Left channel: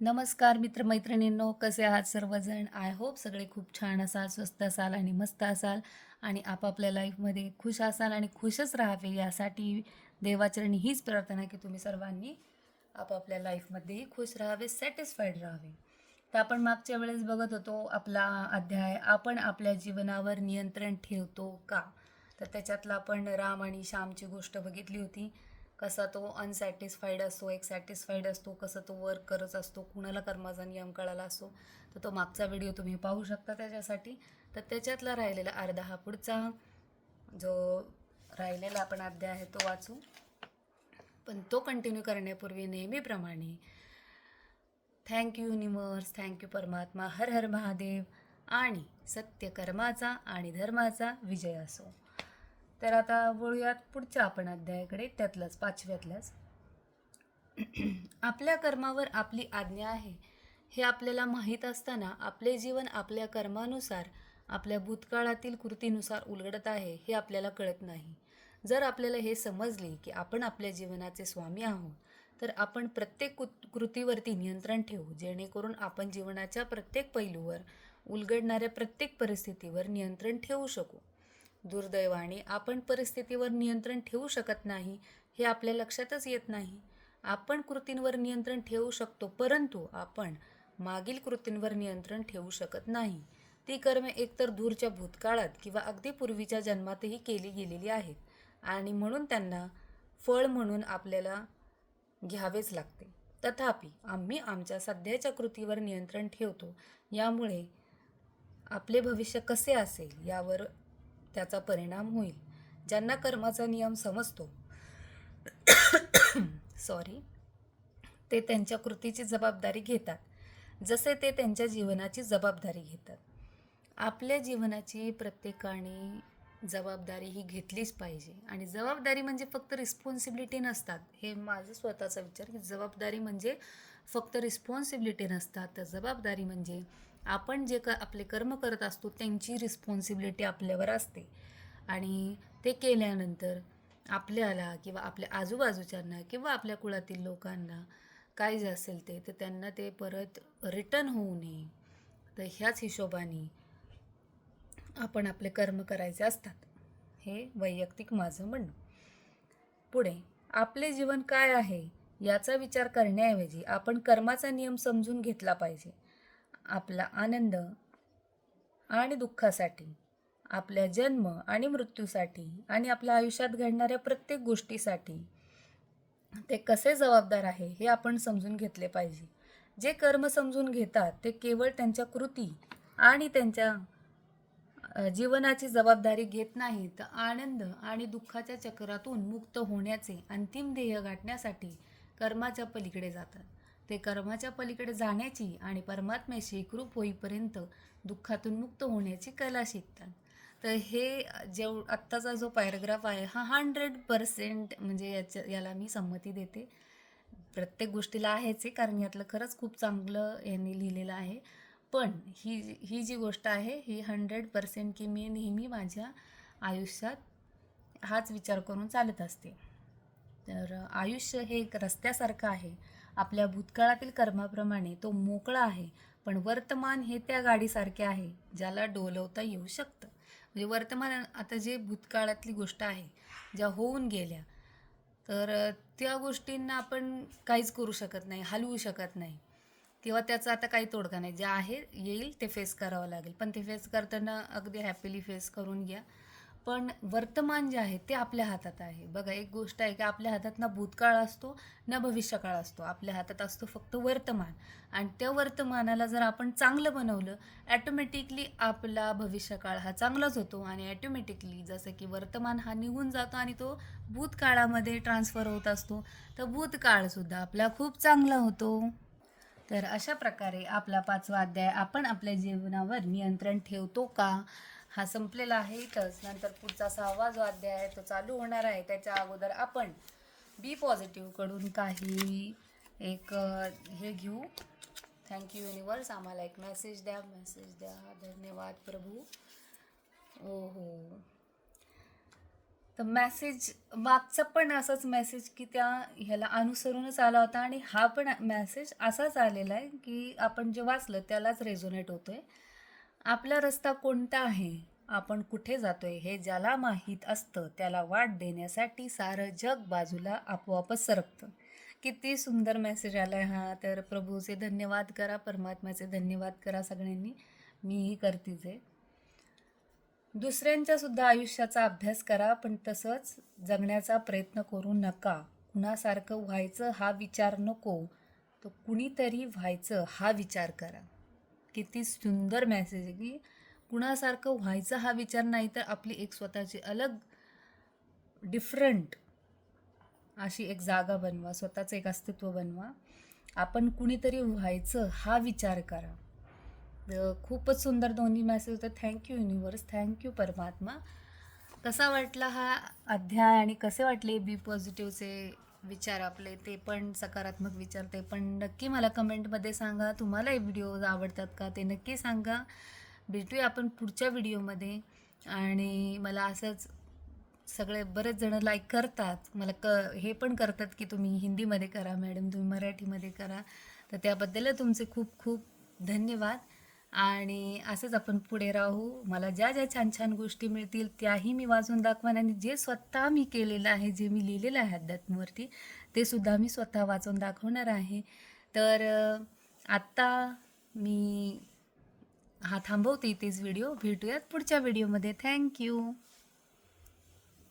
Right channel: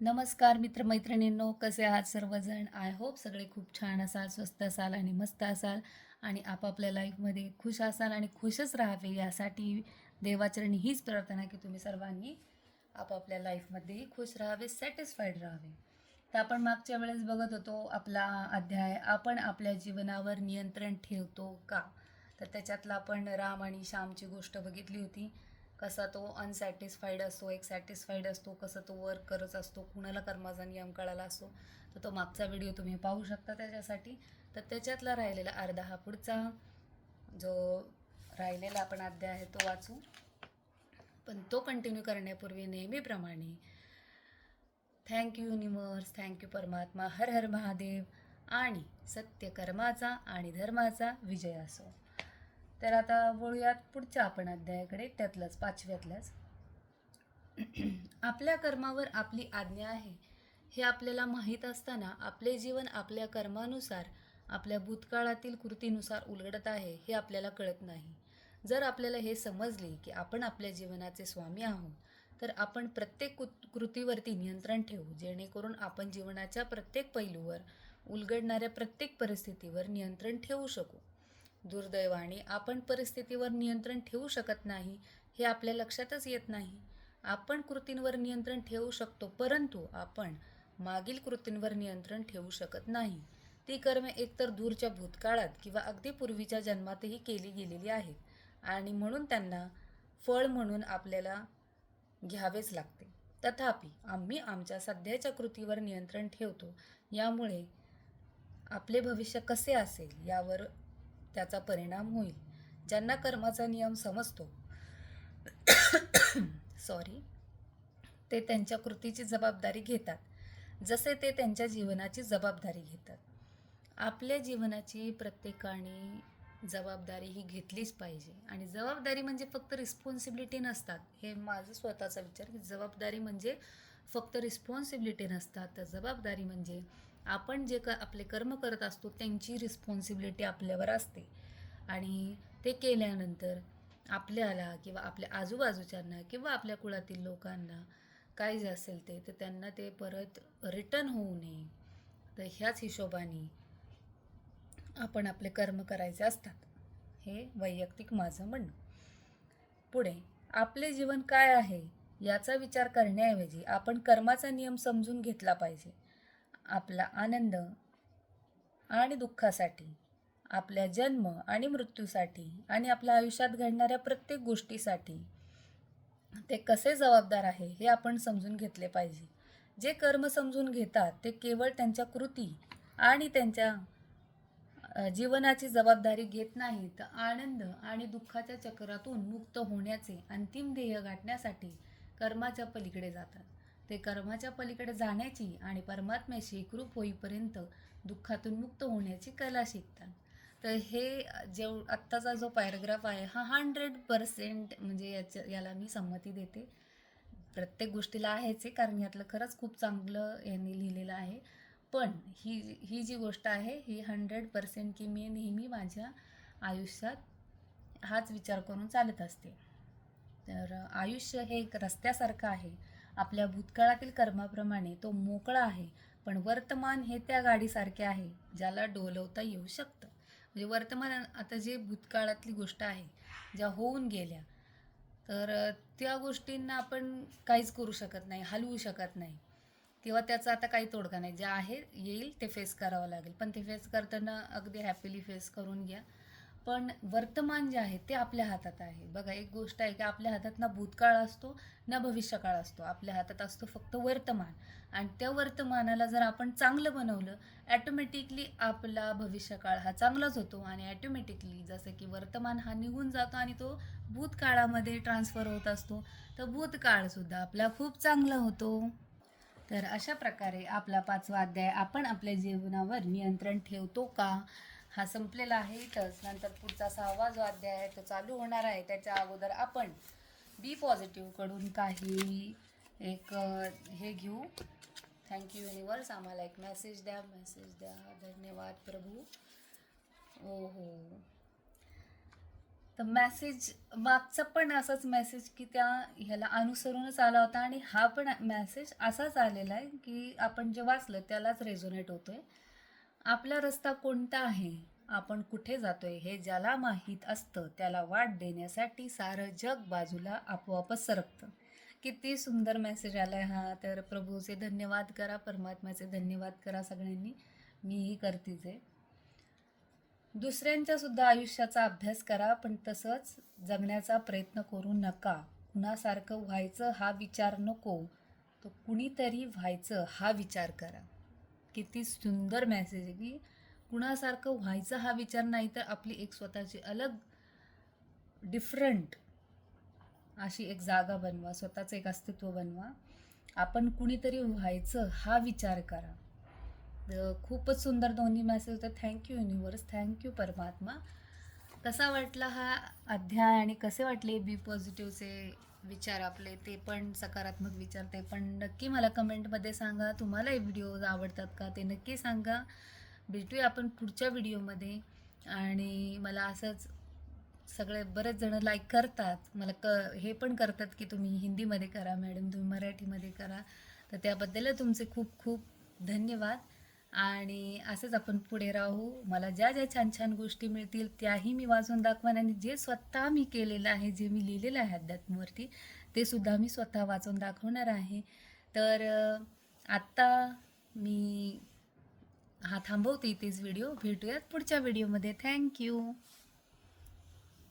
नमस्कार मित्रमैत्रिणींनो, कसे आहात सर्वजण? आय होप सगळे खूप छान असाल, स्वस्त असाल आणि मस्त असाल आणि आपापल्या लाईफमध्ये खुश असाल आणि खुशच राहावे यासाठी देवाचरणी हीच प्रार्थना की तुम्ही सर्वांनी आपापल्या लाईफमध्ये खुश राहावे, सॅटिस्फाईड राहावे. तर आपण मागच्या वेळेस बघत होतो आपला अध्याय, आपण आपल्या जीवनावर नियंत्रण ठेवतो का? तर त्याच्यातला आपण राम आणि श्यामची गोष्ट बघितली होती. कसा तो अनसॅटिस्फाईड असतो, एक सॅटिस्फाईड असतो, कसं तो वर्क करत असतो, कुणाला कर्माचा नियम कळाला असतो. तर तो मागचा व्हिडिओ तुम्ही पाहू शकता त्याच्यासाठी. तर त्याच्यातला राहिलेला अर्धा हा पुढचा जो राहिलेला आपण अध्याय आहे तो वाचू. पण तो कंटिन्यू करण्यापूर्वी नेहमीप्रमाणे थँक्यू युनिवर्स, थँक्यू परमात्मा, हर हर महादेव आणि सत्य कर्माचा आणि धर्माचा विजय असो. तर आता बोलूयात पुढच्या आपण अध्यायाकडे, त्यातलंच पाचव्यातलंच. आपल्या कर्मावर आपली आज्ञा आहे हे आपल्याला माहीत असताना आपले जीवन आपल्या कर्मानुसार आपल्या भूतकाळातील कृतीनुसार उलगडत आहे हे आपल्याला कळत नाही. जर आपल्याला हे समजले की आपण आपल्या जीवनाचे स्वामी आहोत तर आपण प्रत्येक कृतीवरती नियंत्रण ठेवू, जेणेकरून आपण जीवनाच्या प्रत्येक पैलूवर उलगडणाऱ्या प्रत्येक परिस्थितीवर नियंत्रण ठेवू शकू. दुर्दैवाने आपण परिस्थितीवर नियंत्रण ठेवू शकत नाही हे आपल्या लक्षातच येत नाही. आपण कृतींवर नियंत्रण ठेवू शकतो, परंतु आपण मागील कृतींवर नियंत्रण ठेवू शकत नाही. ती कर्मे एकतर दूरच्या भूतकाळात किंवा अगदी पूर्वीच्या जन्मातही केली गेलेली आहेत आणि म्हणून त्यांना फळ म्हणून आपल्याला घ्यावेच लागते. तथापि आम्ही आमच्या सध्याच्या कृतीवर नियंत्रण ठेवतो, यामुळे आपले भविष्य कसे असेल यावर त्याचा परिणाम होईल. ज्यांना कर्माचा नियम समजतो सॉरी ते त्यांच्या कृतीची जबाबदारी घेतात, जसे ते त्यांच्या जीवनाची जबाबदारी घेतात. आपल्या जीवनाची प्रत्येकाने जबाबदारी ही घेतलीच पाहिजे. आणि जबाबदारी म्हणजे फक्त रिस्पॉन्सिबिलिटी नसतात, हे माझं स्वतःचा विचार की जबाबदारी म्हणजे फक्त रिस्पॉन्सिबिलिटी नसतात. तर जबाबदारी म्हणजे आपण जे आपले कर्म करत असतो त्यांची रिस्पॉन्सिबिलिटी आपल्यावर असते आणि ते केल्यानंतर आपल्याला किंवा आपल्या आजूबाजूच्यांना किंवा आपल्या कुळातील लोकांना काय जे असेल ते तर त्यांना ते परत रिटर्न होऊ नये. तर ह्याच हिशोबाने आपण आपले कर्म करायचे असतात, हे वैयक्तिक माझं म्हणणं. पुढे आपले जीवन काय आहे याचा विचार करण्याऐवजी आपण कर्माचा नियम समजून घेतला पाहिजे. आपला आनंद आणि दुःखासाठी, आपल्या जन्म आणि मृत्यूसाठी आणि आपल्या आयुष्यात घडणाऱ्या प्रत्येक गोष्टीसाठी ते कसे जबाबदार आहे हे आपण समजून घेतले पाहिजे. जे कर्म समजून घेतात ते केवळ त्यांच्या कृती आणि त्यांच्या जीवनाची जबाबदारी घेत नाहीत, तर आनंद आणि दुःखाच्या चक्रातून मुक्त होण्याचे अंतिम ध्येय गाठण्यासाठी कर्माच्या पलीकडे जातात. ते कर्माच्या पलीकडे जाण्याची आणि परमात्म्याशी एकरूप होईपर्यंत दुःखातून मुक्त होण्याची कला शिकतात. तर हे आत्ताचा जो पॅराग्राफ आहे हा 100% म्हणजे याला मी संमती देते. प्रत्येक गोष्टीला आहेच आहे, कारण यातलं खरंच खूप चांगलं यांनी लिहिलेलं आहे. पण ही जी गोष्ट आहे ही 100% की मी नेहमी माझ्या आयुष्यात हाच विचार करून चालत असते. तर आयुष्य हे एक रस्त्यासारखं आहे. आपल्या भूतकाळातील कर्माप्रमाणे तो मोकळा आहे, पण वर्तमान हे त्या गाडीसारखे आहे ज्याला डोलवता येऊ शकतं. म्हणजे वर्तमान आता जे भूतकाळातली गोष्ट आहे, ज्या होऊन गेल्या, तर त्या गोष्टींना आपण काहीच करू शकत नाही, हलवू शकत नाही किंवा त्याचा आता काही तोडगा नाही. जे आहे येईल ते फेस करावं लागेल, पण ते फेस करताना अगदी हॅपीली फेस करून घ्या. पण वर्तमान जे आहे ते आपल्या हातात आहे. बघा, एक गोष्ट आहे की आपल्या हातात ना भूतकाळ असतो ना भविष्यकाळ असतो, आपल्या हातात असतो फक्त वर्तमान. आणि त्या वर्तमानाला जर आपण चांगलं बनवलं, ॲटोमॅटिकली आपला भविष्यकाळ हा चांगलाच होतो आणि ॲटोमॅटिकली जसं की वर्तमान हा निघून जातो आणि तो भूतकाळामध्ये ट्रान्सफर होत असतो, तर भूतकाळसुद्धा आपला खूप चांगला होतो. तर अशा प्रकारे आपला पाचवा अध्याय, आपण आपल्या जीवनावर नियंत्रण ठेवतो का, हा संपलेला आहे. इथंच नंतर पुढचा सहावा जो अध्याय आहे तो चालू होणार आहे. त्याच्या अगोदर आपण बी पॉझिटिव्हकडून काही एक हे घेऊ. थँक्यू युनिवर्स, आम्हाला एक मेसेज द्या. धन्यवाद प्रभू. हो हो, तर मेसेज मागचा पण असाच मेसेज की त्या ह्याला अनुसरूनच आला होता आणि हा पण मेसेज असाच आलेला आहे की आपण जे वाचलं त्यालाच रेझोनेट होतोय. आपला रस्ता कोणता आहे, आपण कुठे जातोय हे ज्याला माहीत असतं त्याला वाट देण्यासाठी सारं जग बाजूला आपोआपच सरकतं. किती सुंदर मेसेज आलाय हा. तर प्रभूचे धन्यवाद करा, परमात्म्याचे धन्यवाद करा सगळ्यांनी. मीही करतीच आहे. दुसऱ्यांच्या सुद्धा आयुष्याचा अभ्यास करा, पण तसंच जगण्याचा प्रयत्न करू नका. कुणासारखं व्हायचं हा विचार नको, तर कुणीतरी व्हायचं हा विचार करा. किती सुंदर मेसेज आहे की कुणासारखं व्हायचं हा विचार नाही, तर आपली एक स्वतःची अलग डिफरंट अशी एक जागा बनवा, स्वतःचं एक अस्तित्व बनवा. आपण कुणीतरी व्हायचं हा विचार करा. खूपच सुंदर दोन्ही मेसेज होते. थँक्यू युनिवर्स, थँक्यू परमात्मा. कसा वाटला हा अध्याय आणि कसे वाटले बी पॉझिटिव्हचे विचार आपले, ते पण सकारात्मक विचार, ते पण नक्की मला कमेंटमध्ये सांगा. तुम्हाला हे व्हिडिओज आवडतात का ते नक्की सांगा. भेटूया आपण पुढच्या व्हिडिओमध्ये. आणि मला असंच सगळे बरेच जण लाईक करतात, मला हे पण करतात की तुम्ही हिंदीमध्ये करा मॅडम, तुम्ही मराठीमध्ये करा. तर त्याबद्दल तुमचे खूप खूप धन्यवाद. आणि असेच आपण पुढे राहू. मला ज्या ज्या छान छान गोष्टी मिळतील त्याही मी वाचून दाखवेन, आणि जे स्वतः मी केलेलं आहे, जे मी लिहिलेलं आहे अध्यात्मावरती, ते सुद्धा मी स्वतः वाचून दाखवणार आहे. तर आत्ता मी हा थांबवते इथेच व्हिडिओ. भेटूयात पुढच्या व्हिडिओमध्ये. थँक्यू.